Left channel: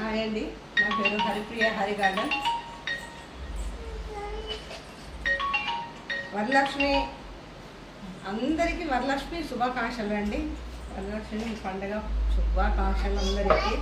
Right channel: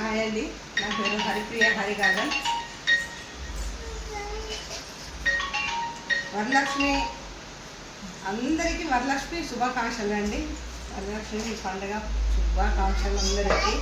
Hi అండి, నా పేరు హరిప్రియ హరి గార్డెన్. వరలక్ష్మి అందరికీ వరలక్ష్మి శుభాకాంక్షలు అండి. వరలక్ష్మి పండుగ శుభాకాంక్షలు అందరికీ.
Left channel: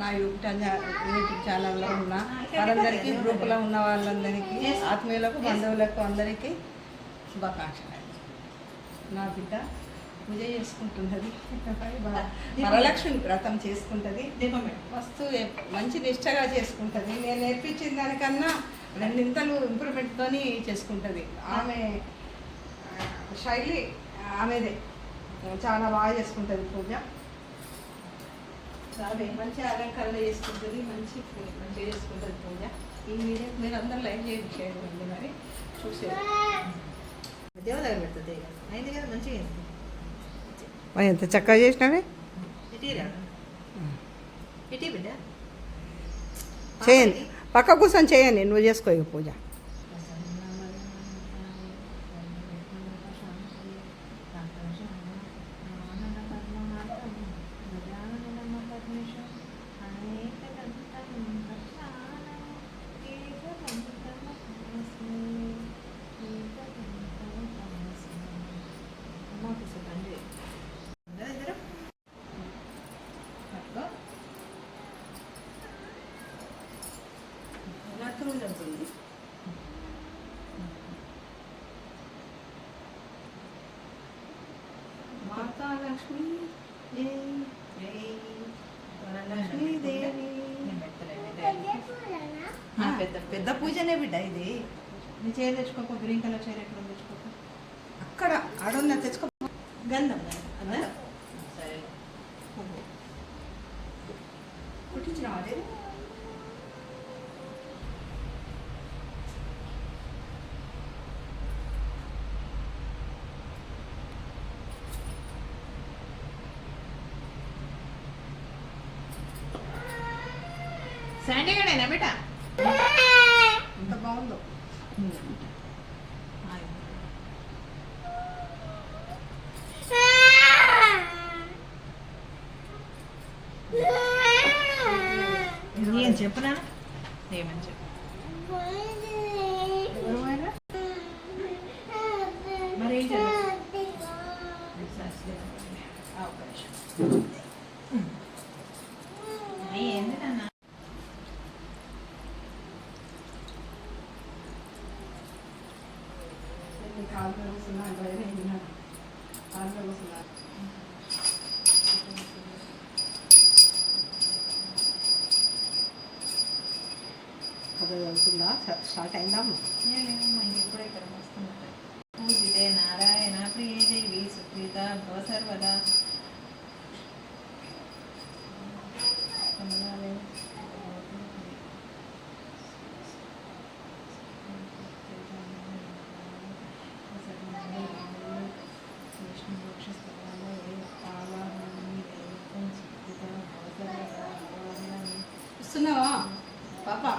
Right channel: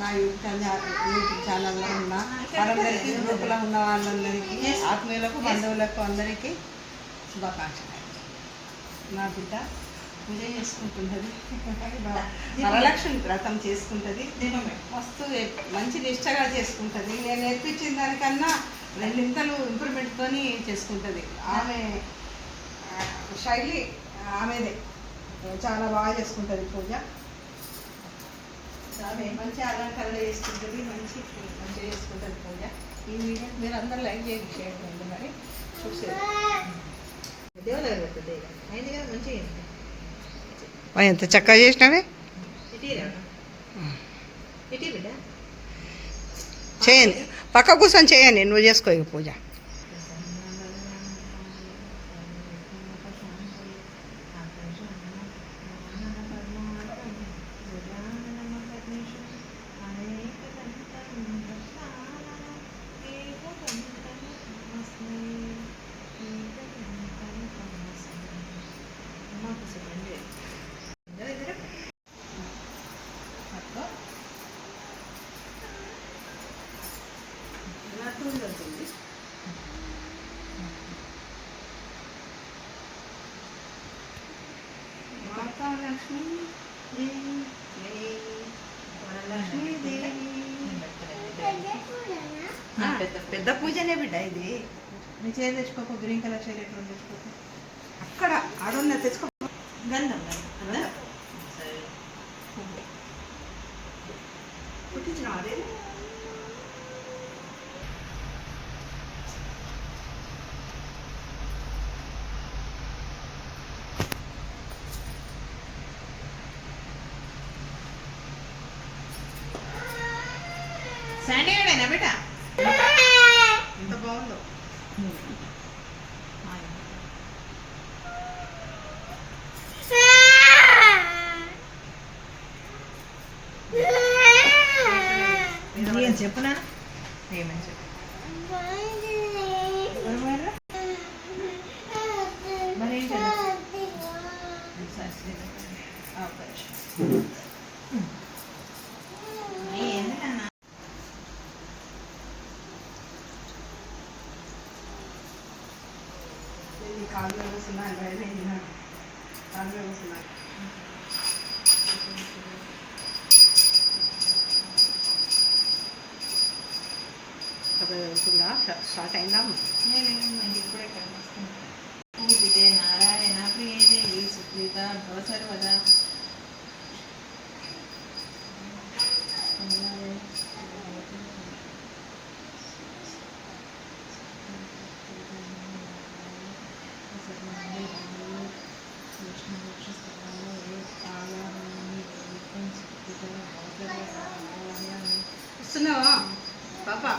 నా యూట్యూబ్ ఛానల్లో ఉన్న వాళ్ళందరికీ, గ్రూపులో ఉన్న వాళ్ళందరికీ, ఆత్మీయులకు, బంధువులకు అందరికీ శుభాకాంక్షలు అండి. నా బిడ్డ పూజ చేసుకుంటున్నది, వరలక్ష్మి వ్రతం చేసుకుంటుంది, మస్తు మంచి నిష్టగా చేసుకుంటుంది. నేను నేర్పించిన దానికన్నా రెండింతలు ఇంప్రూవ్మెంట్తో చేసుకుంటుంది. ఆమె శైలి ఆమెదే, చాలా బాగా చేసుకుంటుంది పూజ. ఆమె మంచి అలంకరణ చేసుకుంటుంది, మంచిగా చేసుకుంటుంది పూజ. ఈ వీడియో మీరు అందరూ లైక్ చేయండి మరి చూసేది. దేవుని దగ్గర పెడుతుంది అయింది కదా, మంచిగా ఎంత చక్కగా చేసినావే. చేయండి, పక్క కూర్చొని చేయండి, నువ్వు చేసుకో ఇక పూజ. లక్ష్మీ పెద్ద పూజనే బిడ్డ ఇది. నీ చీర తెచ్చుకోకు, గ్రీన్ కలర్ చీర ఎక్కడ తెచ్చుకోకు, అక్కడ ఆడున్న తెచ్చుకో. గంధం అన్నా సరే పుట్టించిన అదే శాండీ గడేనా బిడ్డ, ఎంత బాగుందో. ఏం చెప్పునా, ఏమని చెప్పు మరి ఏం చెప్పు. కాళ్ళు కూర్చున్నారు, కాళ్ళు కూర్చున్నారు. అవుతుందా, స్టార్ట్ అయిందా? ఇప్పుడే ఇక్కడ వస్తున్నాను. పూజితే నారాయణ ప్రియదేవి సుప్రీత భవ సర్వదా. వస్తున్నావా పాపా?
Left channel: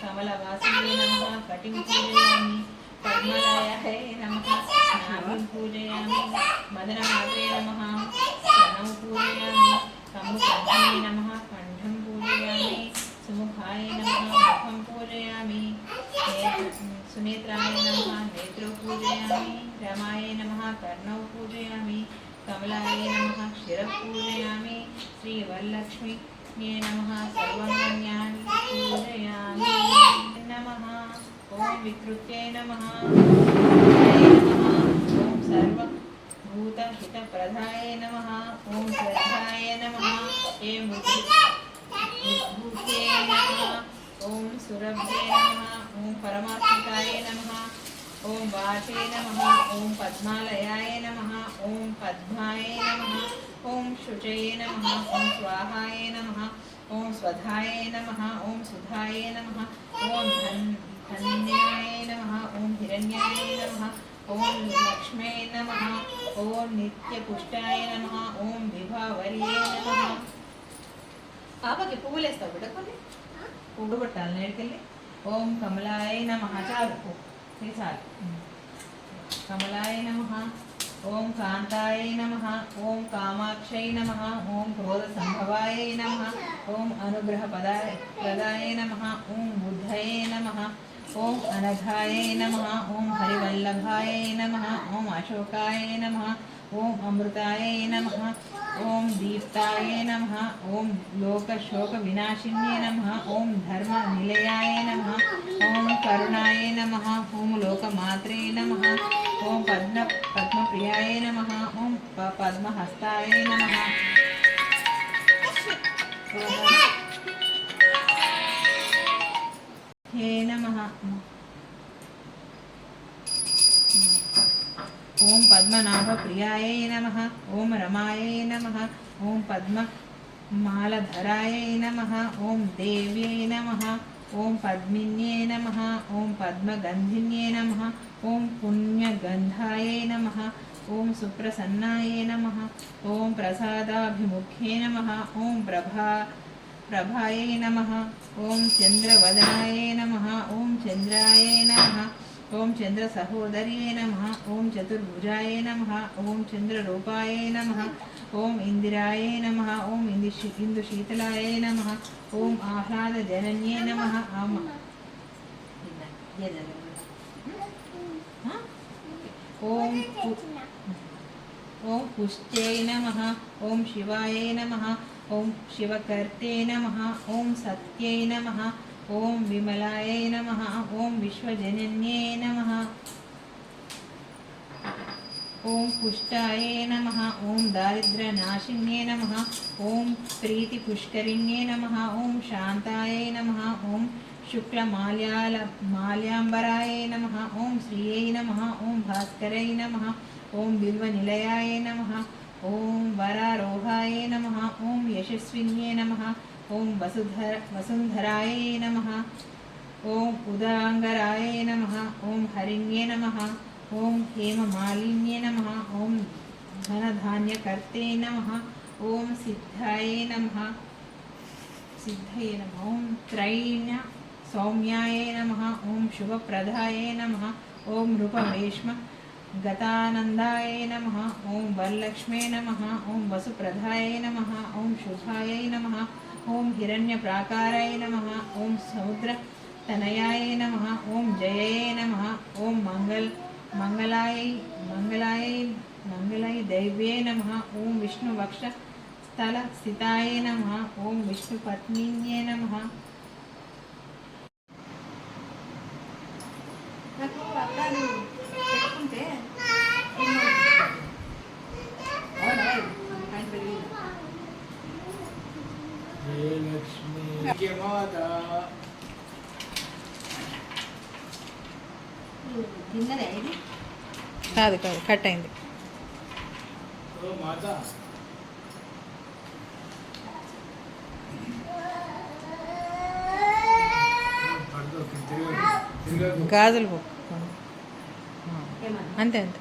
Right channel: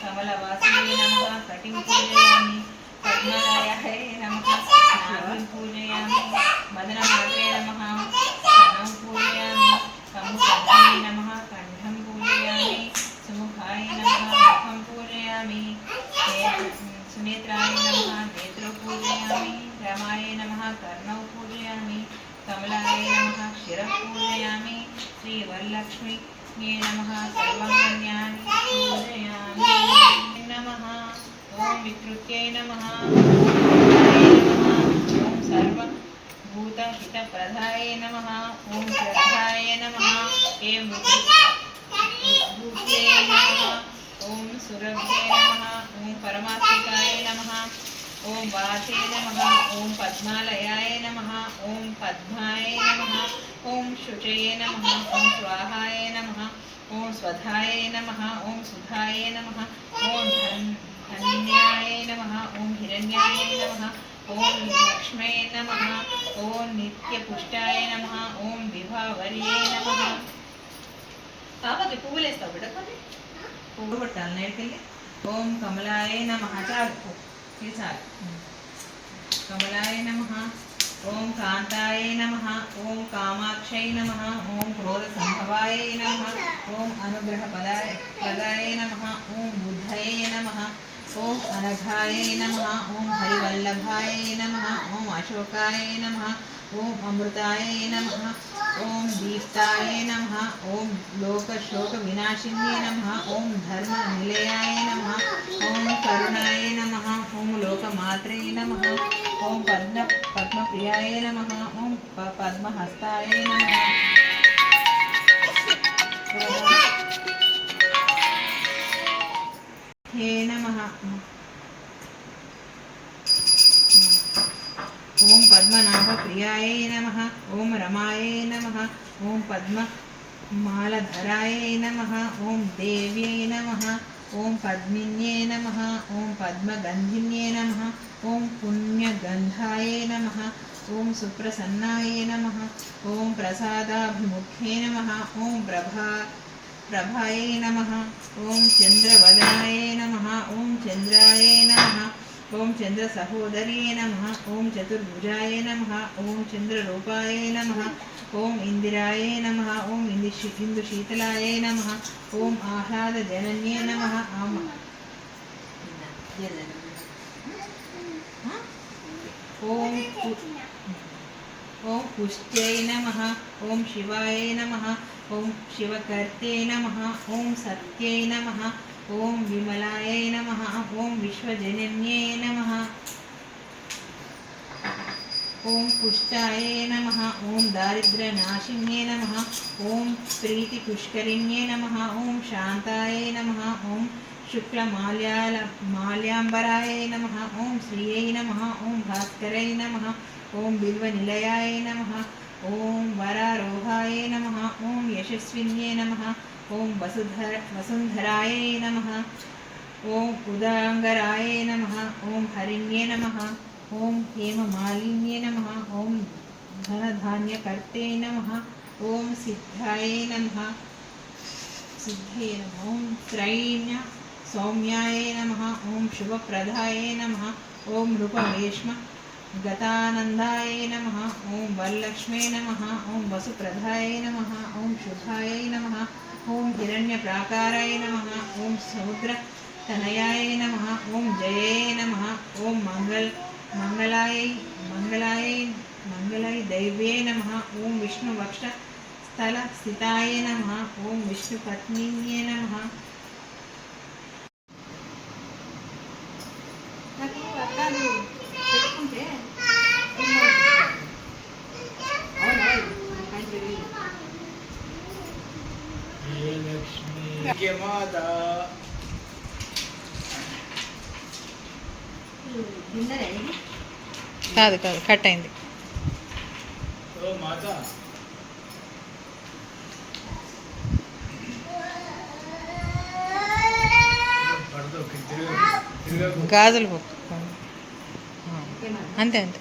कमलवासिने नमः कटिं पूजयामि, पद्मलायाय नमः नाभिं पूजयामि, मदनमात्रे नमः स्तनं पूजयामि, कम्बुकर्णे नमः कण्ठं पूजयामि, सुमुखाय नमः मुखं पूजयामि, सुनेत्राय नमः नेत्रं पूजयामि, रमाय नमः कर्णौ पूजयामि, कमलाय नमः शिरः पूजयामि, श्रीवरलक्ष्मी नमः सर्वाङ्गण्यानि पूजयामि। नमः ओम विकृत्यै नमः नमः सर्वभूतहितप्रदाय नमः। ॐ श्रद्धाय नमः। ऐं बुद्धये नमः। ॐ सुरभ्ये नमः। ॐ परमात्मिकाय नमः। ॐ वाचे नमः। ॐ पद्मालयाय नमः। ॐ पद्माय नमः। ॐ शुचये नमः। ॐ स्वाहाय नमः। ॐ स्वधाय नमः। ॐ सुधाय नमः। ॐ धन्याय नमः। ॐ हिरण्याय नमः। ॐ लक्ष्मे नमः। ॐ नित्यपुष्टाय नमः। ॐ विभावर्ये नमः। పాపకి పువ్వులు వేస్తావు బిడ్డ కొన్ని పువ్వు కొట్టాలి నేర్కెళ్ళి. ఓం కమలాయ నమః. చాలు ఇది చాలు. కమలాయ నమః. ఓం కాంతాయ నమః. ఓం కామాక్షై నమః. ఓం క్రోధ సంభవాయ నమః. ఓం అనుగ్రహ ప్రదాయ నమః. ఓం బుద్ధయే నమః. ఓం అనఘాయ నమః. ఓం హరివల్లభాయ నమః. ఓం అశోకాయ నమః. ఓం అమృతాయ నమః. ఓం దీప్తాయ నమః. ఓం లోకశోక వినాశిన్యే నమః. ఓం ధర్మ నిలయాయ నమః. ఓం కరుణాయ నమః. ఓం లోకమాత్రే నమః. ఓం పద్మప్రియాయ నమః. ఓం పద్మహస్తాయ నమః. హే నమః. ఓం పద్మనాభప్రియాయ నమః. ఓం రమాయ నమః. ఓం పద్మమాలధరాయ నమః. ఓం దేవ్యై నమః. ఓం పద్మిన్యే నమః. ఓం పద్మగంధిన్యే నమః. ఓం పుణ్యగంధాయ నమః. ఓం సుప్రసన్నాయ నమః. ఓం ప్రసాదాభిముఖ్యే నమః. ఓం ప్రభాయ నమః. ఓం చంద్రవదనాయ నమః. ఓం చంద్రాయ నమః. ఓం చంద్ర సహోదర్యే నమః. ఓం చతుర్భుజాయ నమః. ఓం చంద్రరూపాయ నమః. ఓం ఇందిరాయ నమః. ఓం ఇందుశీతలాయ నమః. ఓం ఆహ్లాదజనన్యే నమః. ఓం పుష్ట్యై నమః. ఓం శివాయ నమః. ఓం శివకర్తే నమః. ఓం సత్యై నమః. ఓం విమలాయ నమః. ఓం విశ్వజనన్యే నమః. ఓం పుష్టాయ నమః. ఓం దారిద్ర్యనాశిన్యే నమః. ఓం ప్రీతిపుష్కరిణ్యే నమః. ఓం శాంతాయ నమః. ఓం శుక్లమాల్యాంబరాయ నమః. ఓం శ్రీయై నమః. ఓం భాస్కరై నమః. ఓం బిల్వనిలయాయ నమః. ఓం వరారోహాయ నమః. ఓం యశస్విన్యే నమః. ఓం వసుంధరాయ నమః. ఓం ఉదాంగరాయ నమః. ఓం హరిణ్యే నమః. ఓం హేమమాలిన్యే నమః. ఓం ధనధాన్యకర్తే నమః. ఓం సిద్ధాయ నమః. ఓం త్రైణ్య సౌమ్యాయ నమః. ఓం శుభప్రదాయ నమః. ఓం రూపవేష్మ గతానందాయ నమః. ఓం వరలక్ష్మే నమః. ఓం వసుప్రదాయ నమః. ఓం శుభాయ నమః. ఓం హిరణ్యప్రాకారాయ నమః. ఓం సముద్రతనయాయ నమః. ఓం జయాయ నమః. ఓం మంగళాయ దైవ్యే నమః. ఓం విష్ణువక్షస్థలస్థితాయ నమః. ఓం విష్ణుపత్నిన్యే నమః. పెట్టుకుంటే కాదు కాదు కట్ అయింది. గాజులు అంతే అంతే.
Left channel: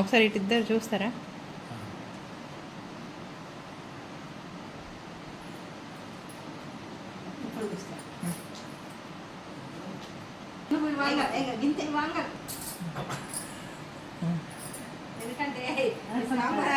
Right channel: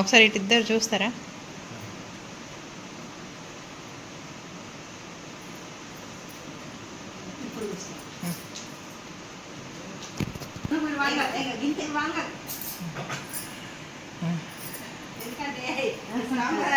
ఒకసారి ఇటు ఇద్దరు చూస్తారా? ఎందుకంటే సాంబార్